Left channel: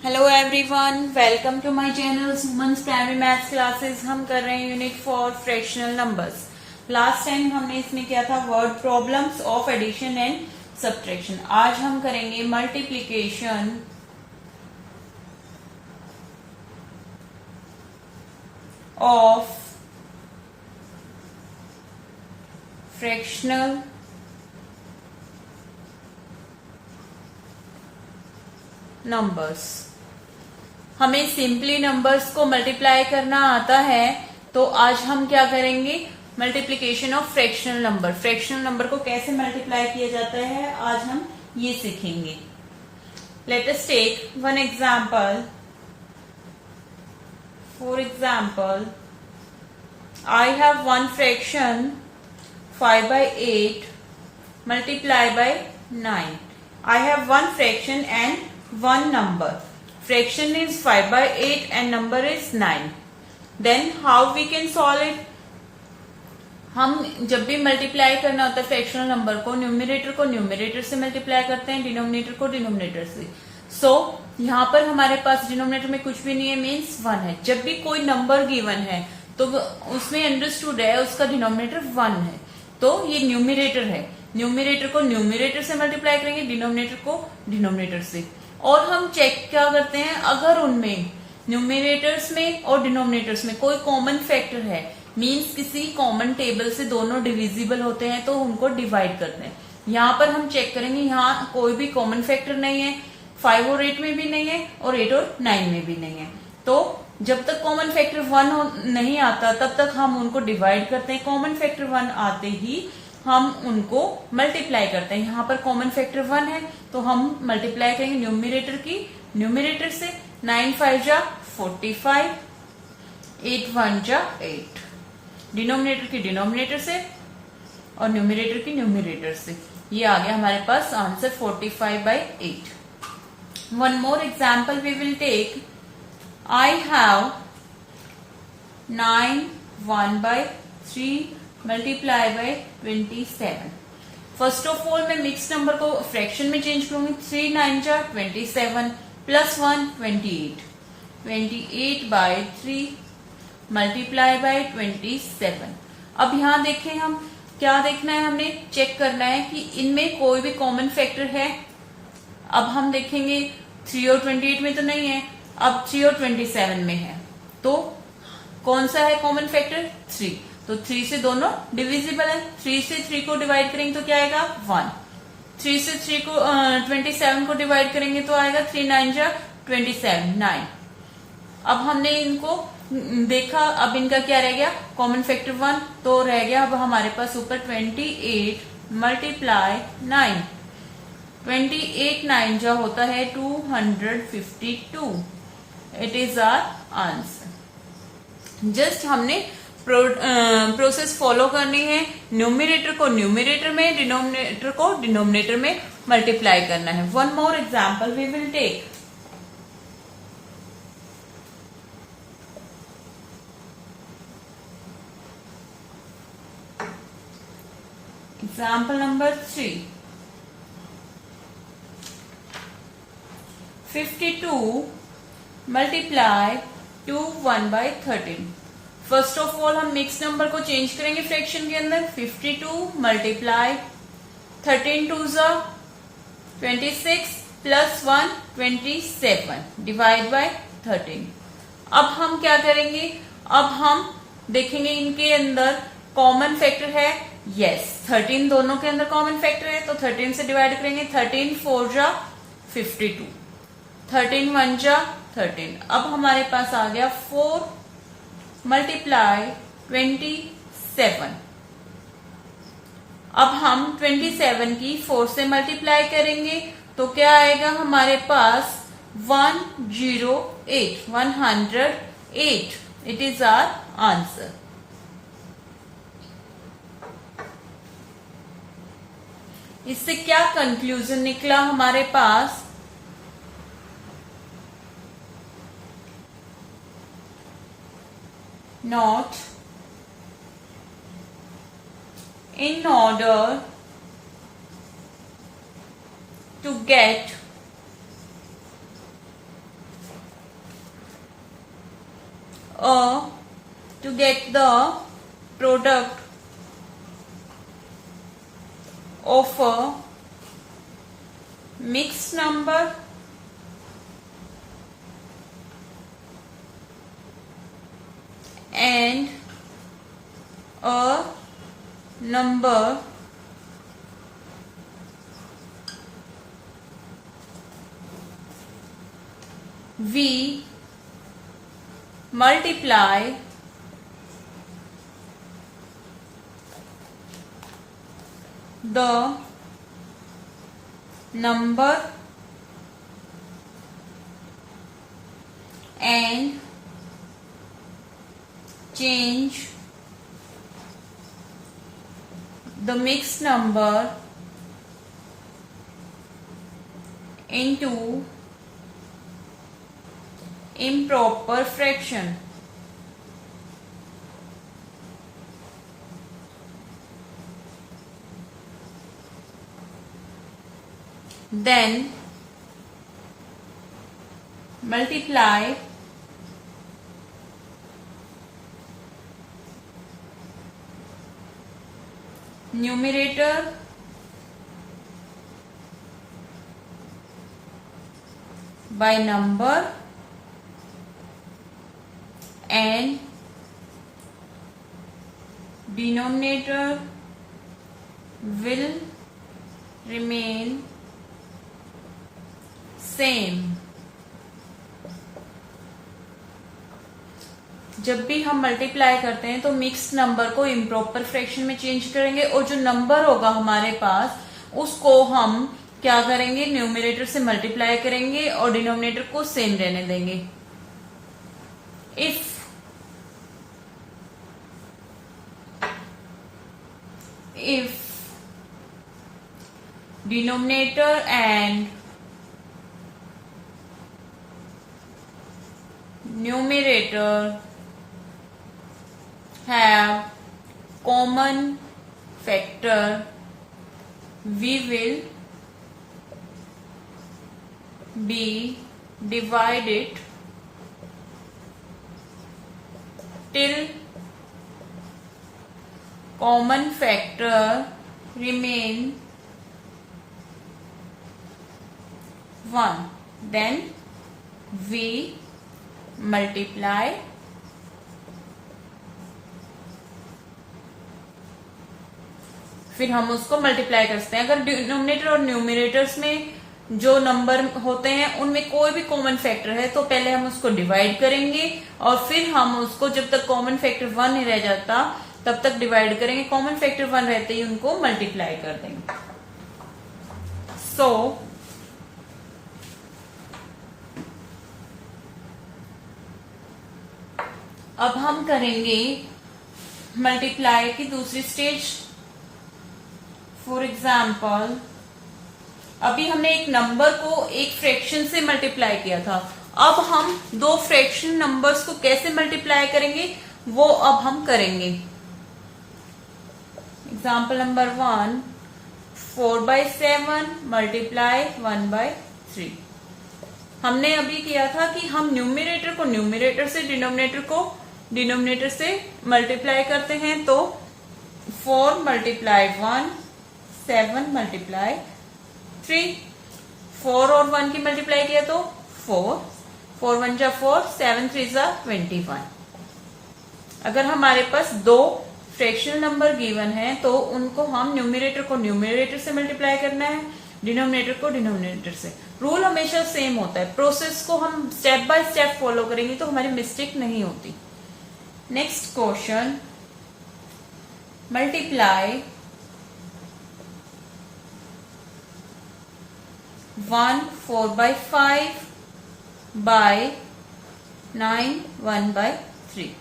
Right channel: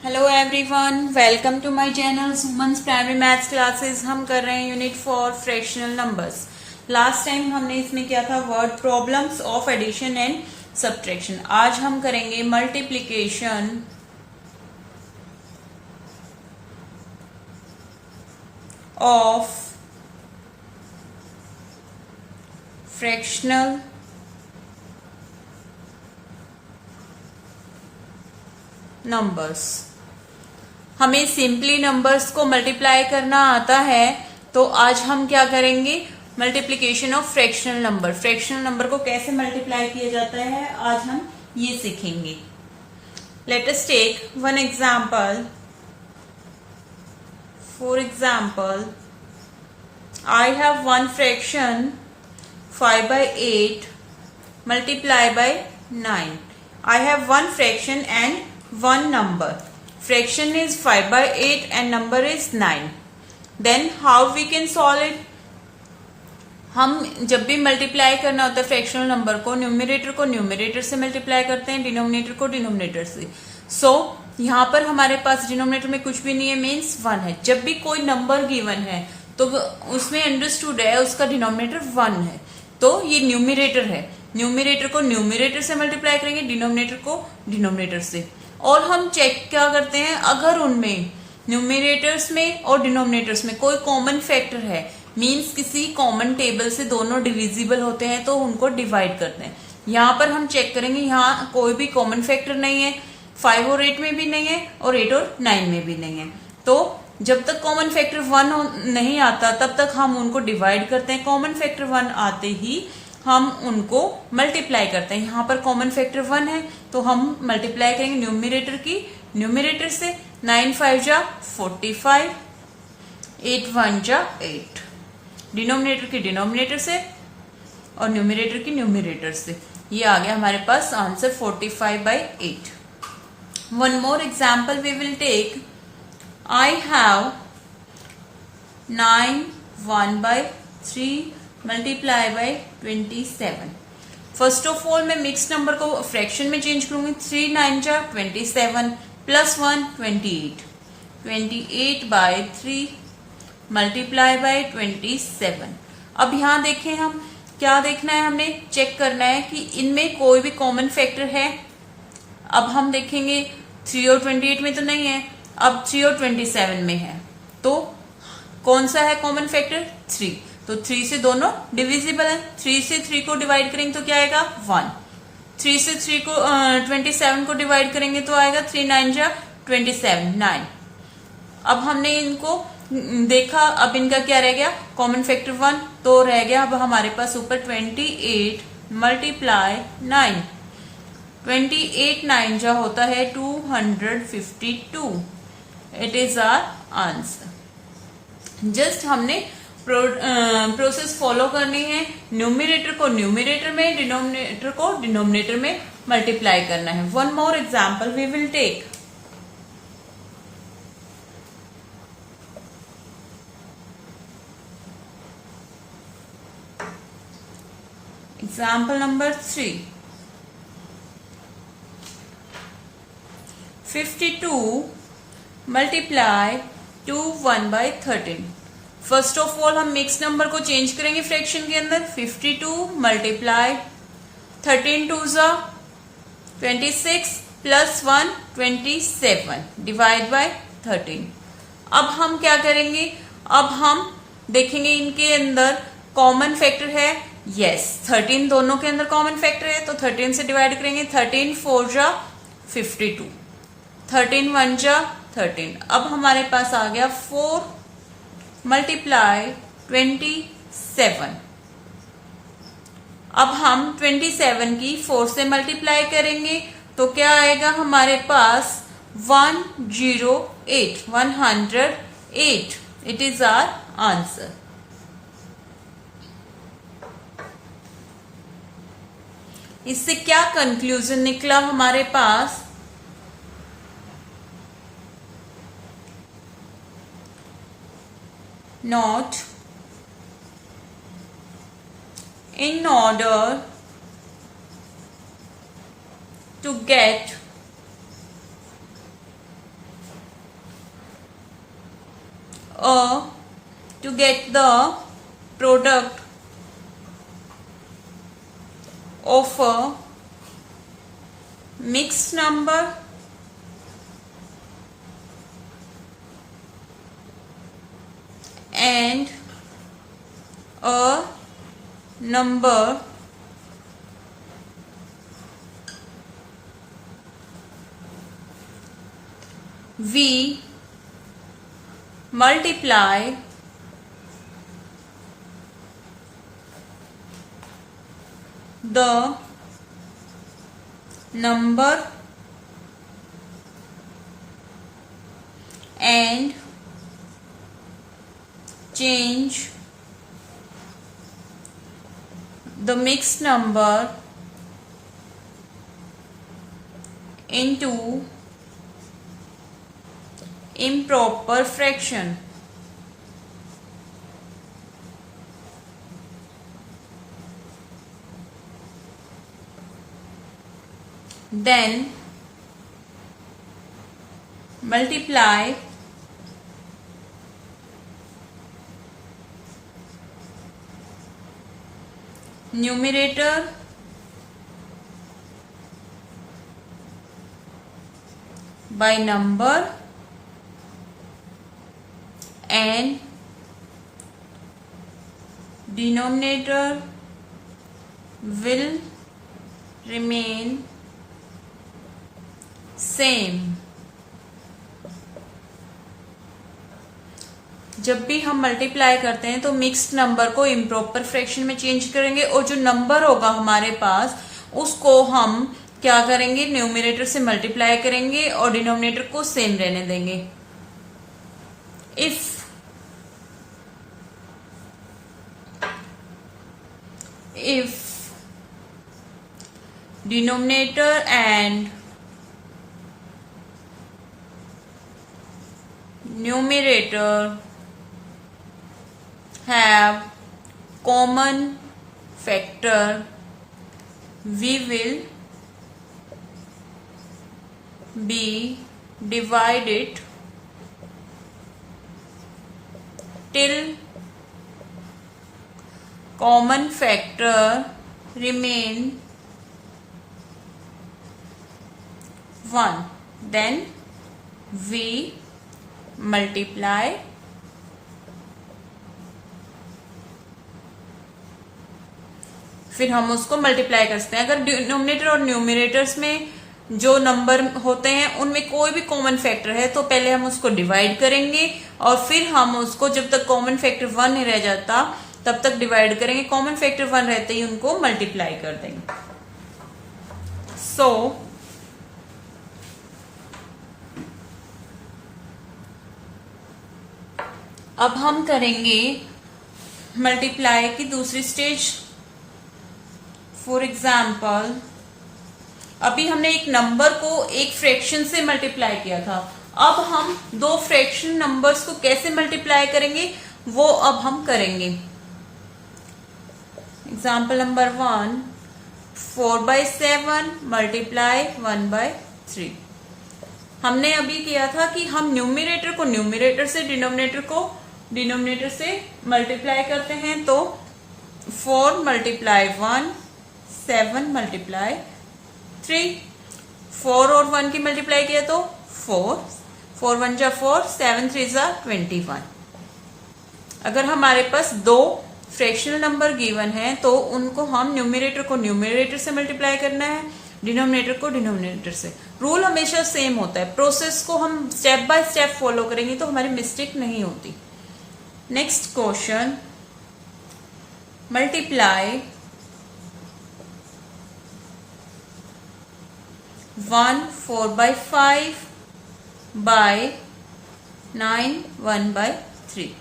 Hello everyone, welcome to my channel Suman's primary maths classes. हम कर रहे हैं unit 4 fractional numbers. Last time हमने इसमें किया था word problems of addition and subtraction. आज हम करेंगे मल्टीप्लिकेशन ऑफ फ्रैक्शनल नंबर्स। हमें सिंपली नंबर्स को मल्टीप्लाई करना आता है, तो आज हम क्या करेंगे, multiplication of fractional number. Fractional number को कैसे मल्टीप्लाई किया जाता है आज हम ये सीखेंगे। Let us take one example. For example, I have one fraction 5/8 multiply by 9. I have one fraction and one number. Fraction is 5/8 and number is 9. Then how we can solve it? हम जब भी multiply करना होता है fractional number को numerator से multiply करते हैं, डिनोमिनेटर को डिनोमिनेटर से। सो यहाँ पर हमारे पास डिनोमिनेटर में कुछ भी नहीं है, मीन्स 1 है। जब भी कोई नंबर गिवन है तो उसमें अंडरस्टूड है उसका डिनोमिनेटर 1 है, तो ये न्यूमरेटर है। न्यूमरेटर को न्यूमरेटर से मल्टीप्लाई करेंगे, डिनोमिनेटर को डिनोमिनेटर से। और हम चेक क्या करते हैं, अगर उनमें न्यूमरेटर्स में और डिनोमिनेटर्स में कोई कॉमन फैक्टर है, मींस किसी कॉमन टेबल से दोनों डिविजिबल होते हैं, तो उनको डिवाइड करते हैं। यहाँ पर हम चेक करेंगे, यहाँ कोई भी कॉमन फैक्टर नहीं है, 5 और 8 में भी नहीं है और 8 और 9 में भी नहीं है। तो जब तक कॉमन फैक्टर 1 नहीं आता तब तक हम उनको डिवाइड करते हैं। कॉमन फैक्टर 1 आते ही हम उनको मल्टीप्लाई करते हैं। यहाँ पर कॉमन फैक्टर 1 है तो हम मल्टीप्लाई करेंगे न्यूमरेटर की न्यूमरेटर से। 9 5 जा 45, 8 1 जा 8। डिनोमिनेटर की डिनोमिनेटर से और न्यूमरेटर की न्यूमरेटर से। ये आ गया हमारे पास answer 45/8। One more example we will take. I have 9 1/3 multiply by 27. First of all मैं मिक्स नंबर को फ्रैक्शन में चेंज करूंगी। 3 9 जा 27 प्लस 1 28। 28/3 multiply by 27। अब यहाँ देखें, हम क्या देखना है, हमें चेक करना है कि इनमें कोई भी कॉमन फैक्टर है। अब हम देखेंगे 3 और 28 में तो नहीं है, अब 3 और 27 में है, तो कौन सा है कॉमन फैक्टर, 3। तो 3 से दोनों डिविजिबल है। 3 से 3 को डिवाइड करेंगे तो क्या आएगा 1। 3 से 3 को 27 को डिवाइड करेंगे तो आएगा 3 9 जा 27 9। अब हमने इनको देखा, अब इनका क्या रह गया, कॉमन फैक्टर 1 तो रह गया। अब हमारे पास ऊपर 28 मल्टीप्लाई 9। 28 9 जा होता है 252। It is our answer. Just हमने प्रोसेस फॉलो करनी है। न्यूमरेटर को न्यूमरेटर में, डिनोमिनेटर को डिनोमिनेटर में मल्टीप्लाई करना है। One more example we will take. Example number 3। 52 multiply 2 1/13। First of all हम मिक्स नंबर को चेंज करेंगे फ्रैक्शन के अंदर। 52 मल्टीप्लाई 13 2 जा 26 प्लस 1 27 डिवाइड बाय 13। अब हम क्या करेंगे, अब हम देखेंगे इनके अंदर कॉमन फैक्टर है। यस, 13 दोनों के अंदर कॉमन फैक्टर है, तो 13 से डिवाइड करेंगे। 13 4 जा 52, 13 1 जा 13। अब हमारे पास आ गया 4 मल्टीप्लाई 27। अब हम 27 की 4 से मल्टीप्लाई करेंगे तो क्या आएगा हमारे पास 108 108। It is our answer. इससे क्या कंक्लूजन निकला हमारे पास, not in order to get to get the product of a mixed number and a number we multiply the number and change the mixed number into improper fraction. Then multiply numerator by number and denominator will remain same. जब भी हम multiply करते हैं तो mixed number को improper fraction में change करेंगे और जो नंबर होगा हमारे पास उसको हम क्या करेंगे, न्यूमरेटर से मल्टीप्लाई करेंगे और डिनोमिनेटर को सेम रहने देंगे. If denominator and numerator have common factor, we will be divided till common factor remain 1. Then we multiply फिर हम उसको मल्टीप्लाई कर सकते हैं. अगर डिनोमिनेटर और न्यूमरेटर्स में जो नंबर होते हैं उनमें कोई भी कॉमन फैक्टर है तो पहले हम उसको डिवाइड करेंगे और फिर हम उसको जब तक कॉमन फैक्टर 1 नहीं रह जाता तब तक डिवाइड करेंगे. कॉमन फैक्टर 1 रहते ही उनको मल्टीप्लाई कर देंगे. सो अब हम करेंगे मल्टीप्लाई की दूसरी स्टेज. फॉर एग्जाम्पल अभी हमने एक नंबर को एक फ्रैक्शन से मल्टीप्लाई किया था. अब हम दो फ्रैक्शन नंबर्स को कैसे मल्टीप्लाई करेंगे वो अब हम करेंगे. Example number 1, 4/7 multiply 1/3. हमने अभी किया था कि हम न्यूमरेटर को न्यूमरेटर से डिनोमिनेटर को डिनोमिनेटर से मल्टीप्लाई करते हैं. तो 4 मल्टीप्लाई 1, 7 मल्टीप्लाई 3. 4 और 1 की मल्टीप्लाई किया तो 4, 4 1 जा 4, 7 3 जा 21. अगर हमारे पास दो फ्रैक्शनल नंबर गिवन है तो उनको हम न्यूमरेटर को न्यूमरेटर से मल्टीप्लाई करना है, डिनोमिनेटर को डिनोमिनेटर से. रूल हमेशा सेम होता है. प्रोसेस को हम स्टेप बाय स्टेप फॉलो करेंगे तो हमारी मिस्टेक नहीं होती. Next question, multiply 1 4/5 by 9 1/3.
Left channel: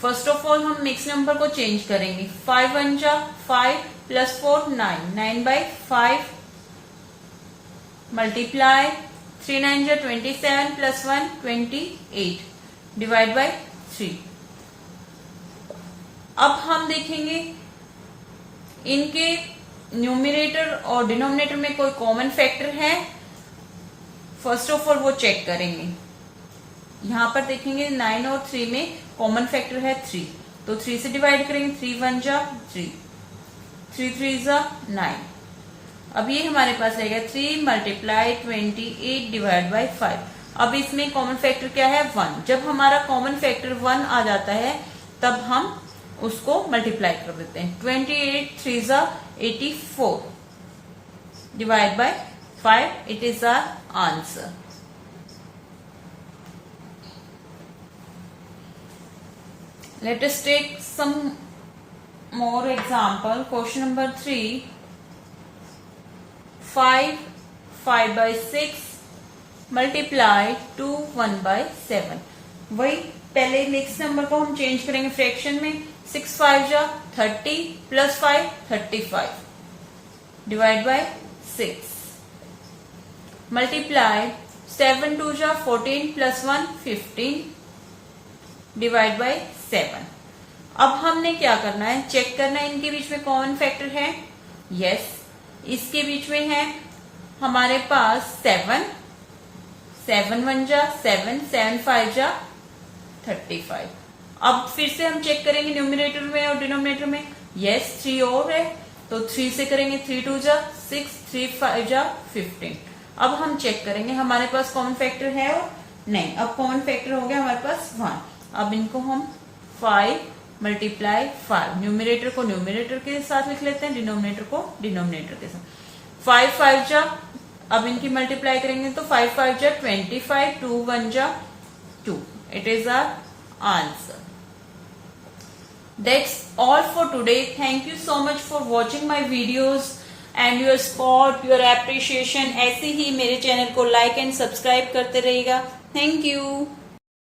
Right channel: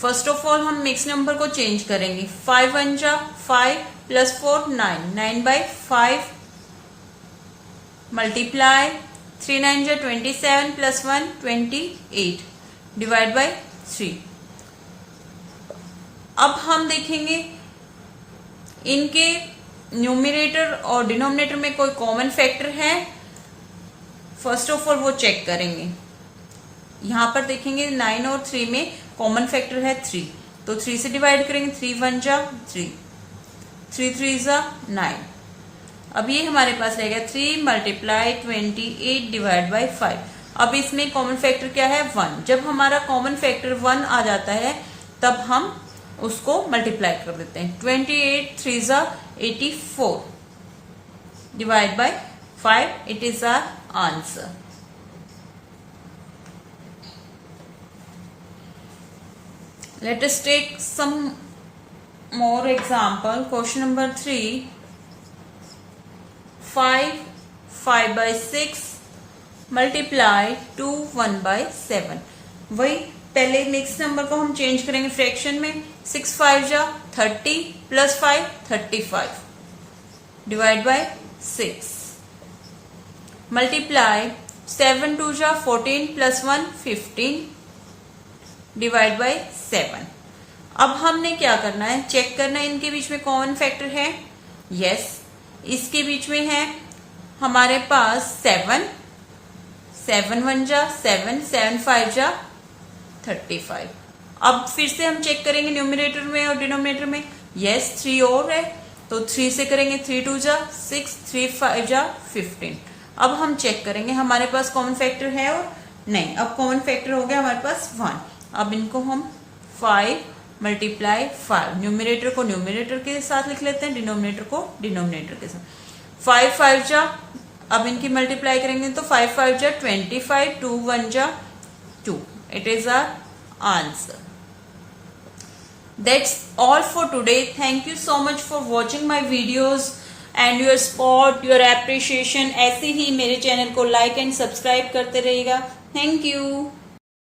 First of all हम मिक्स नंबर को चेंज करेंगे. 5 1 जा 5 प्लस 4 9, 9/5 मल्टीप्लाई 3 9 जा 27 प्लस 1 28 डिवाइड बाय 3. अब हम देखेंगे इनके न्यूमरेटर और डिनोमिनेटर में कोई कॉमन फैक्टर है. फर्स्ट ऑफ ऑल वो चेक करेंगे. यहाँ पर देखेंगे 9 और 3 में कॉमन फैक्टर है 3, तो 3 से डिवाइड करेंगे, 3 1 जा 3, 3 3 जा 9। अब ये हमारे पास रहेगा 3 मल्टीप्लाई 28 डिवाइड बाई 5। अब इसमें कॉमन फैक्टर क्या है 1। जब हमारा कॉमन फैक्टर 1 आ जाता है तब हम उसको मल्टीप्लाई कर देते हैं। 28 3 जा 84 divide by 5, it is our answer. Let us take some more example. Question number 3. 5 by 6 multiply 2 1 by 7। वही पहले नेक्स्ट नंबर को हम चेंज करेंगे फ्रैक्शन में। 6 5 जा 30 प्लस 5 35 डिवाइड बाय 6 मल्टीप्लाई 7 2 जा 14 प्लस 1 15 डिवाइड बाय 7। अब हमने क्या करना है, चेक करना है इनके बीच में कॉमन फैक्टर है। यस, इसके बीच में है हमारे पास 7, 7 1 जा 7, 7 5 जा 35। अब फिर से हम चेक करेंगे न्यूमरेटर में और डिनोमिनेटर में। यस, 3 और है तो 3 से करेंगे, 3 2 जा 6, 3 5 जा 15। अब हम चेक करेंगे हमारे पास कॉमन फैक्टर है और नहीं। अब कॉमन फैक्टर हो गया हमारे पास 1। अब इनको हम 5 मल्टीप्लाई 5, न्यूमरेटर को न्यूमरेटर के साथ लिख लेते हैं, डिनोमिनेटर को डिनोमिनेटर के साथ। 5 5 जा, अब इनकी मल्टीप्लाई करेंगे तो 5 5 जा 25, 2 1 जा 2, it is our answer. That's all for today. Thank you so much for watching my videos and your support, your appreciation. ऐसे ही मेरे चैनल को लाइक एंड सब्सक्राइब करते रहिएगा। Thank you.